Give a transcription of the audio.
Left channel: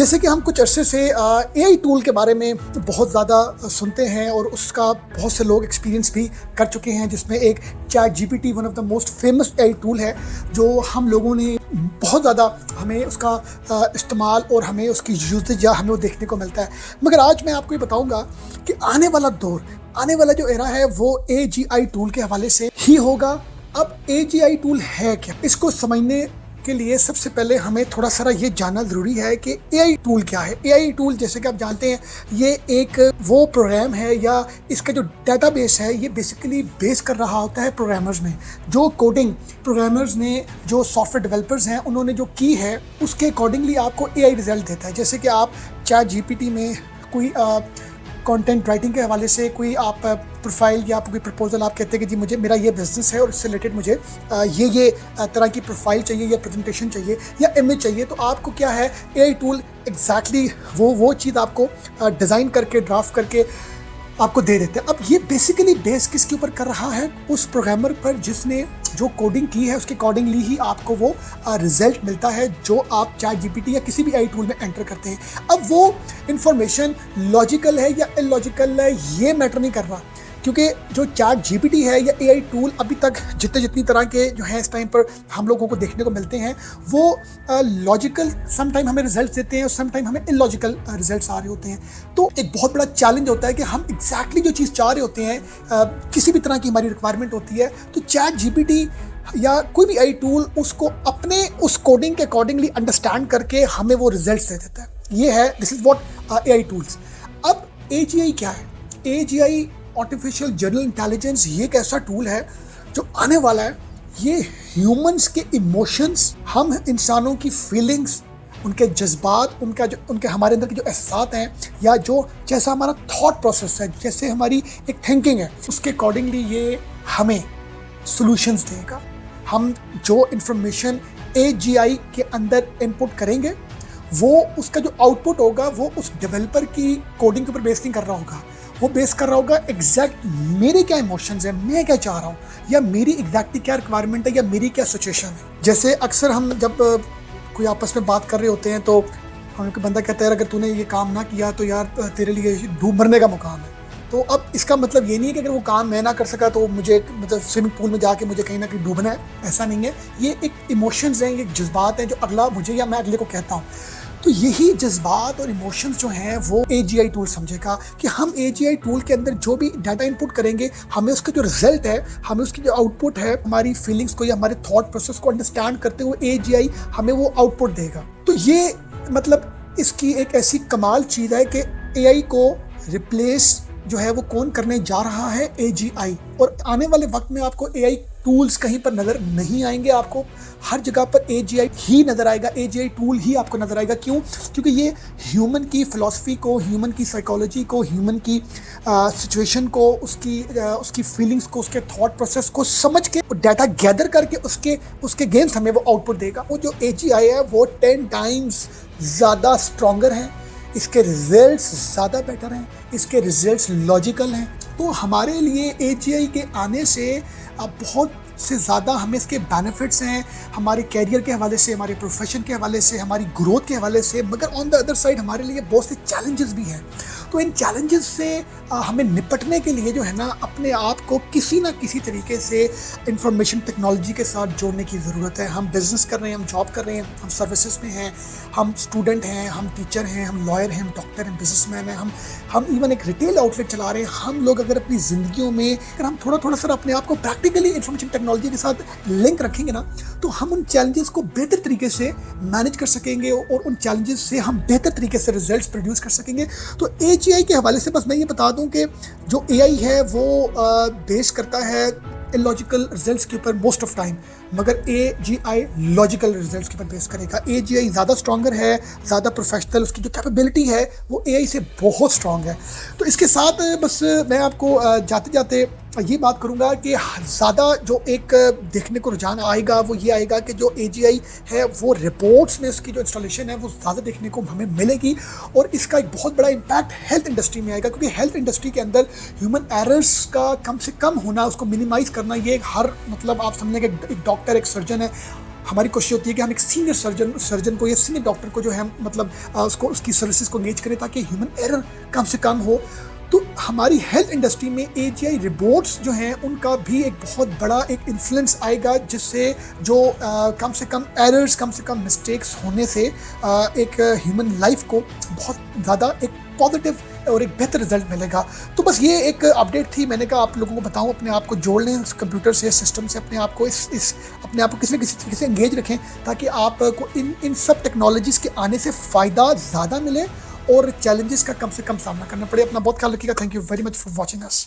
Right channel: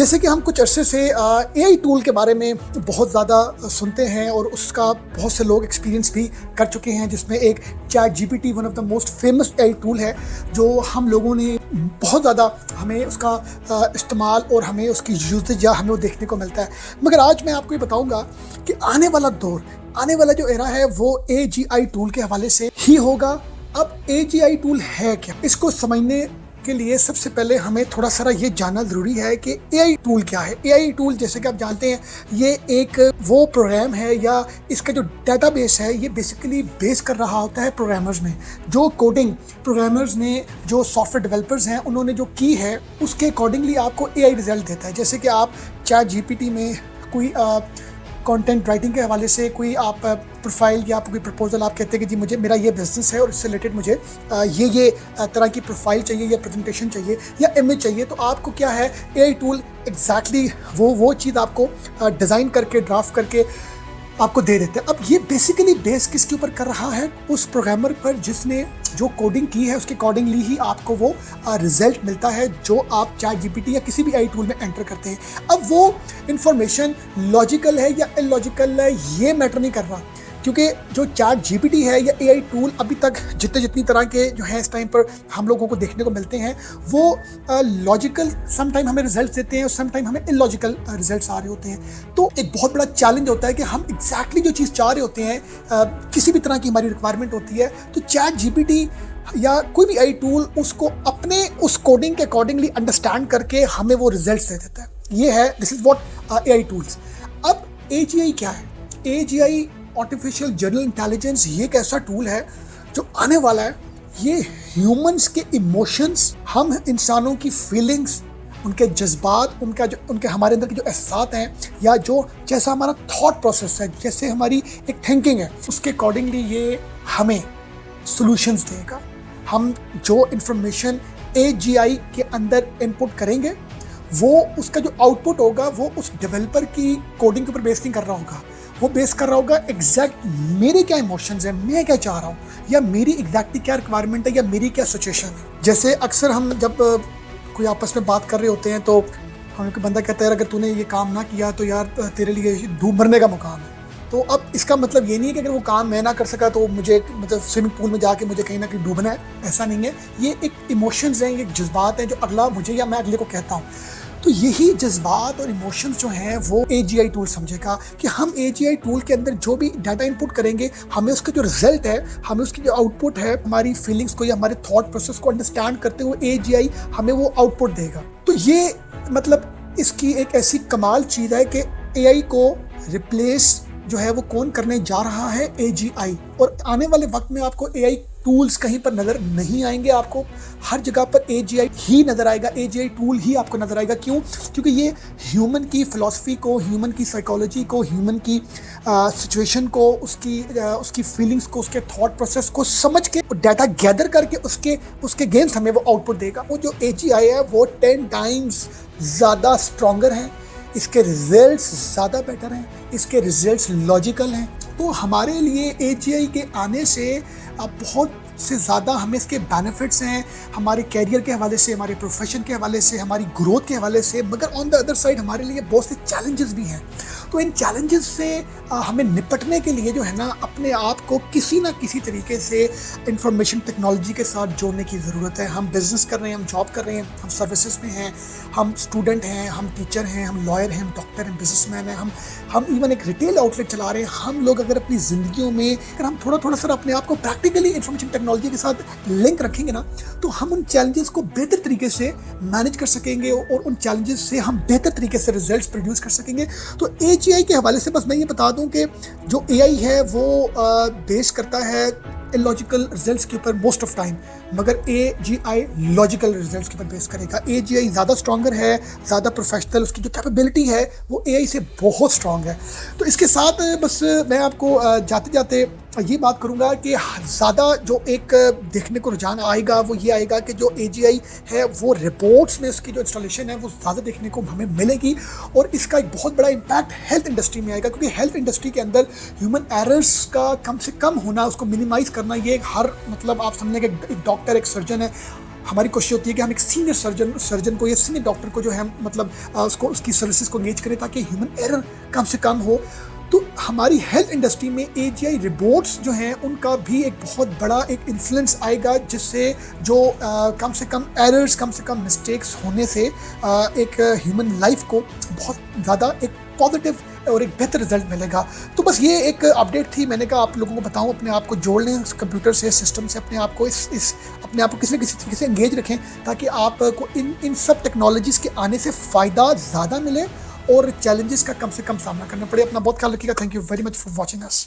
जैसे कि हम कुछ अरसे से एआई टूल के बारे में बहुत ज़्यादा सुनते हैं और उसका बहुत से लोग एक्सपीरियंस भी कर चुके हैं, जिसमें एक chat GPT one of the most famous AI tool है जो हम लोगों ने बहुत ज़्यादा हमें उसका इस्तेमाल और हमें उसकी यूजेज या हमें वो देखने को मिलता है। मगर आज मैं आपको ये बताऊंगा कि आने वाला दौर, आने वाला जो एरा है वो एजीआई टूल के हवाले से ही होगा। अब एजीआई टूल है क्या, इसको समझने के लिए सबसे पहले हमें थोड़ा सारा ये जानना ज़रूरी है कि एआई टूल क्या है। एआई टूल जैसे कि आप जानते हैं ये एक वो प्रोग्राम है या इसका जो डेटाबेस है ये बेसिकली बेस कर रहा होता है प्रोग्रामर्स में। जो कोडिंग प्रोग्रामर्स ने, जो सॉफ्टवेयर डेवलपर्स हैं, उन्होंने जो की है उसके अकॉर्डिंगली आपको एआई रिजल्ट देता है। जैसे कि आप चैट जीपीटी में कोई कंटेंट राइटिंग के हवाले से कोई आप प्रोफाइल या कोई प्रपोजल आप कहते हैं कि जी मेरा ये बिजनेस है और इससे रिलेटेड मुझे ये तरह की प्रोफाइल चाहिए या प्रेजेंटेशन चाहिए या इमेज चाहिए, तो आपको क्या है एआई टूल एग्जैक्टली वो चीज़ आपको डिज़ाइन करके ड्राफ्ट करके आपको दे देते हैं। अब ये बेसिकली बेस किसके ऊपर कर रहा है? उस प्रोग्रामर पर जिसने जो कोडिंग की है उसके अकॉर्डिंगली ही आपको वो रिजल्ट मिलता है जो आप चैट जीपीटी या किसी भी एआई टूल में एंटर करते हैं। अब वो इंफॉर्मेशन लॉजिकल है या इलॉजिकल है ये मैटर नहीं कर रहा, क्योंकि जो चैट जीपीटी है या एआई टूल अभी तक जितनी तरह के जो है इस टाइम पर हम लोगों को देखने को मिलते हैं वो लॉजिकल सम टाइम हमें रिजल्ट देते हैं और सम टाइम हमें इलॉजिकल रिजल्ट्स आ रहे होते हैं। तो एक बहुत बड़ा चैलेंज होता है कि हम एग्जैक्टली जो चीज़ चाह रहे होते हैं, किसी भी तरह की हमारी रिक्वायरमेंट होती है, तो चैट जीपीटी या कोई भी एआई टूल उसको अपने उस कोडिंग के अकॉर्डिंगली अंडरस्टैंड करके हमें वो रिजल्ट्स दे देता है। ये है, this is what AI tools. अब एजीआई क्या है? एजीआई आर्टिफिशियल जनरल इंटेलिजेंस ये एक ऐसा टूल है जो आने वाला है। ये ह्यूमंस के इमोशंस, हम इंसानों की फीलिंग्स, उनके जज्बात, उनके हमारे अंदर के जो एहसास हैं या जो जैसा हमारा थॉट प्रोसेस है, जैसे हमारी एक थिंकिंग है, उसके अकॉर्डिंगली ये हमें सॉल्यूशंस देगा। हम जो इंफॉर्मेशन एजीआई के अंदर इनपुट करेंगे वो उसका जो आउटपुट होगा वो उस डेवलपर की कोडिंग के ऊपर बेस नहीं कर रहा होगा, वो बेस कर रहा होगा एग्जैक्ट मेरे क्या इमोशंस हैं, मैं क्या चाह रहा हूँ, या मेरी एग्जैक्टली क्या रिक्वायरमेंट है, या मेरी क्या सिचुएशन है। जैसे अक्सर हम जब कोई आपस में बात कर रहे होते हैं तो उनका बंदा कहता है अगर तूने ये काम ना किया तो यार तेरे लिए डूब मरने का मुकाम है। तो अब इसका मतलब ये नहीं है कि अगर वो काम मैं ना कर सका तो मुझे मतलब स्विमिंग पूल में जाके मुझे कहीं ना कहीं डूबना है, ऐसा नहीं है। ये एक इमोशंस हैं, ये जज्बात हैं जो अगला मुझे या मैं अगले को कहता हूँ। तो यही जज्बात और इमोशंस जो हैं वो एजीआई टूल समझेगा कि हम एजीआई टूल के अंदर जो भी डाटा इनपुट करेंगे हमें उसका जो रिजल्ट है, हमें उसकी जो आउटपुट है, हमारी फीलिंग्स को या हमारे थॉट प्रोसेस को अंडरस्टैंड करते हुए एजीआई हमें वो आउटपुट देगा। तो ये मतलब इसकी एक ऐसी कमाल चीज़ है कि एआई को रिप्लेस जो है वो कौन करने जा रहा है? एजीआई। और आने वाले वक्त में आपको एआई टूल्स कहीं पर नजर नहीं आएंगे, आपको हर जगह पर एजीआई ही नजर आएगा, एजीआई टूल ही आपको नजर आएगा। क्यों? क्योंकि ये ह्यूमन की फिलॉसफी को, ह्यूमन की साइकोलॉजी को, ह्यूमन की सिचुएशन को, उसकी फीलिंग्स को, उसके थॉट प्रोसेस को समझ के डाटा गैदर करके उसके अगेंस्ट हमें वो आउटपुट देगा। वो जो एजीआई है वो 10 टाइम्स ज़्यादा स्ट्रॉन्गर है, इसके रिजल्ट्स ज़्यादा बेटर हैं, इसके रिजल्ट्स लॉजिकल हैं। तो हमारे लिए एजीआई के आने से अब बहुत से ज़्यादा हमें इसके बेनिफिट्स हैं, हमारे कैरियर के हवाले से, हमारे प्रोफेशन के हवाले से, हमारी ग्रोथ के हवाले से। मगर ऑन द अदर साइड हमारे लिए बहुत से चैलेंजेस भी हैं। तो इन चैलेंजेस से हमें निपटने के लिए जो है ना अपने आप को किसी ना किसी तरीके से इंफॉर्मेशन टेक्नोलॉजी के साथ जोड़ने की ज़रूरत है। हम बिजनेस कर रहे हैं, हम जॉब कर रहे हैं, हम सर्विसेज में हैं, हम स्टूडेंट हैं, हम टीचर हैं, हम लॉयर हैं, हम डॉक्टर हैं, बिजनेसमैन हैं, हम इवन एक रिटेल आउटलेट चला रहे हैं। हम लोग अगर अपनी ज़िंदगियों में अगर हम थोड़ा सर अपने आप को प्रैक्टिकली इंफॉर्मेशन टेक्नोलॉजी के साथ लिंक रखेंगे ना तो हम उन चैलेंजेस को बेहतर तरीके से मैनेज कर सकेंगे और उन चैलेंजेस से हम बेहतर तरीके से रिजल्ट्स प्रोड्यूस कर सकेंगे। तो एजीआई के हवाले से बस मैं ये बता दूं कि जो एआई है वो बेस करता है इलॉजिकल रिजल्ट्स के ऊपर मोस्ट ऑफ टाइम, मगर एजीआई लॉजिकल रिजल्ट्स के ऊपर बेस करेगा। एजीआई ज़्यादा स्ट्रॉन्गर है, ज़्यादा प्रोफेशनल, उसकी जो कैपेबिलिटी है वो एआई से बहुत स्ट्रॉन्ग है। तो इसके साथ बस मैं आपको जाते जाते ये बात करूंगा कि ज़्यादा जो एक देखने को रुझान आएगा वो ये आएगा कि जो एजीआई है वो रिपोर्ट्स में इसकी जो इंस्टॉलेशन है वो ज़्यादा देखने को हमें मिलेगी और इसका एक बहुत बड़ा इम्पैक्ट हेल्थ इंडस्ट्री में आएगा, क्योंकि हेल्थ इंडस्ट्री के अंदर ह्यूमन एरर्स का कम से कम होना, उसको मिनिमाइज़ करना, ये हर मतलब आप समझें कि एक डॉक्टर, एक सर्जन है, हमारी कोशिश होती है कि हम एक सीनियर सर्जन को या सीनियर डॉक्टर को जो है मतलब उसको उसकी सर्विसेज को एंगेज करें ताकि ह्यूमन एरर कम से कम हो। तो हमारी हेल्थ इंडस्ट्री में AGI रोबोट्स जो हैं उनका भी एक बहुत बड़ा एक इन्फ्लुएंस आएगा, जिससे जो कम से कम एरर्स, कम से कम मिस्टेक्स होने से एक ह्यूमन लाइफ को बहुत ज़्यादा एक पॉजिटिव और एक बेहतर रिजल्ट मिलेगा। तो बस ये एक अपडेट थी, मैंने कहा आप लोगों को बताओ, अपने आप को जोड़ लें उस कंप्यूटर से, सिस्टम से, अपने आप को अपने आप को किसी न किसी तरीके से एंगेज रखें ताकि आपको इन सब टेक्नोलॉजीज के आने से फ़ायदा ज़्यादा मिले और चैलेंजेस का कम से कम सामना करना पड़े। अपना बहुत ख्याल रखिएगा। Thank you very much for watching us.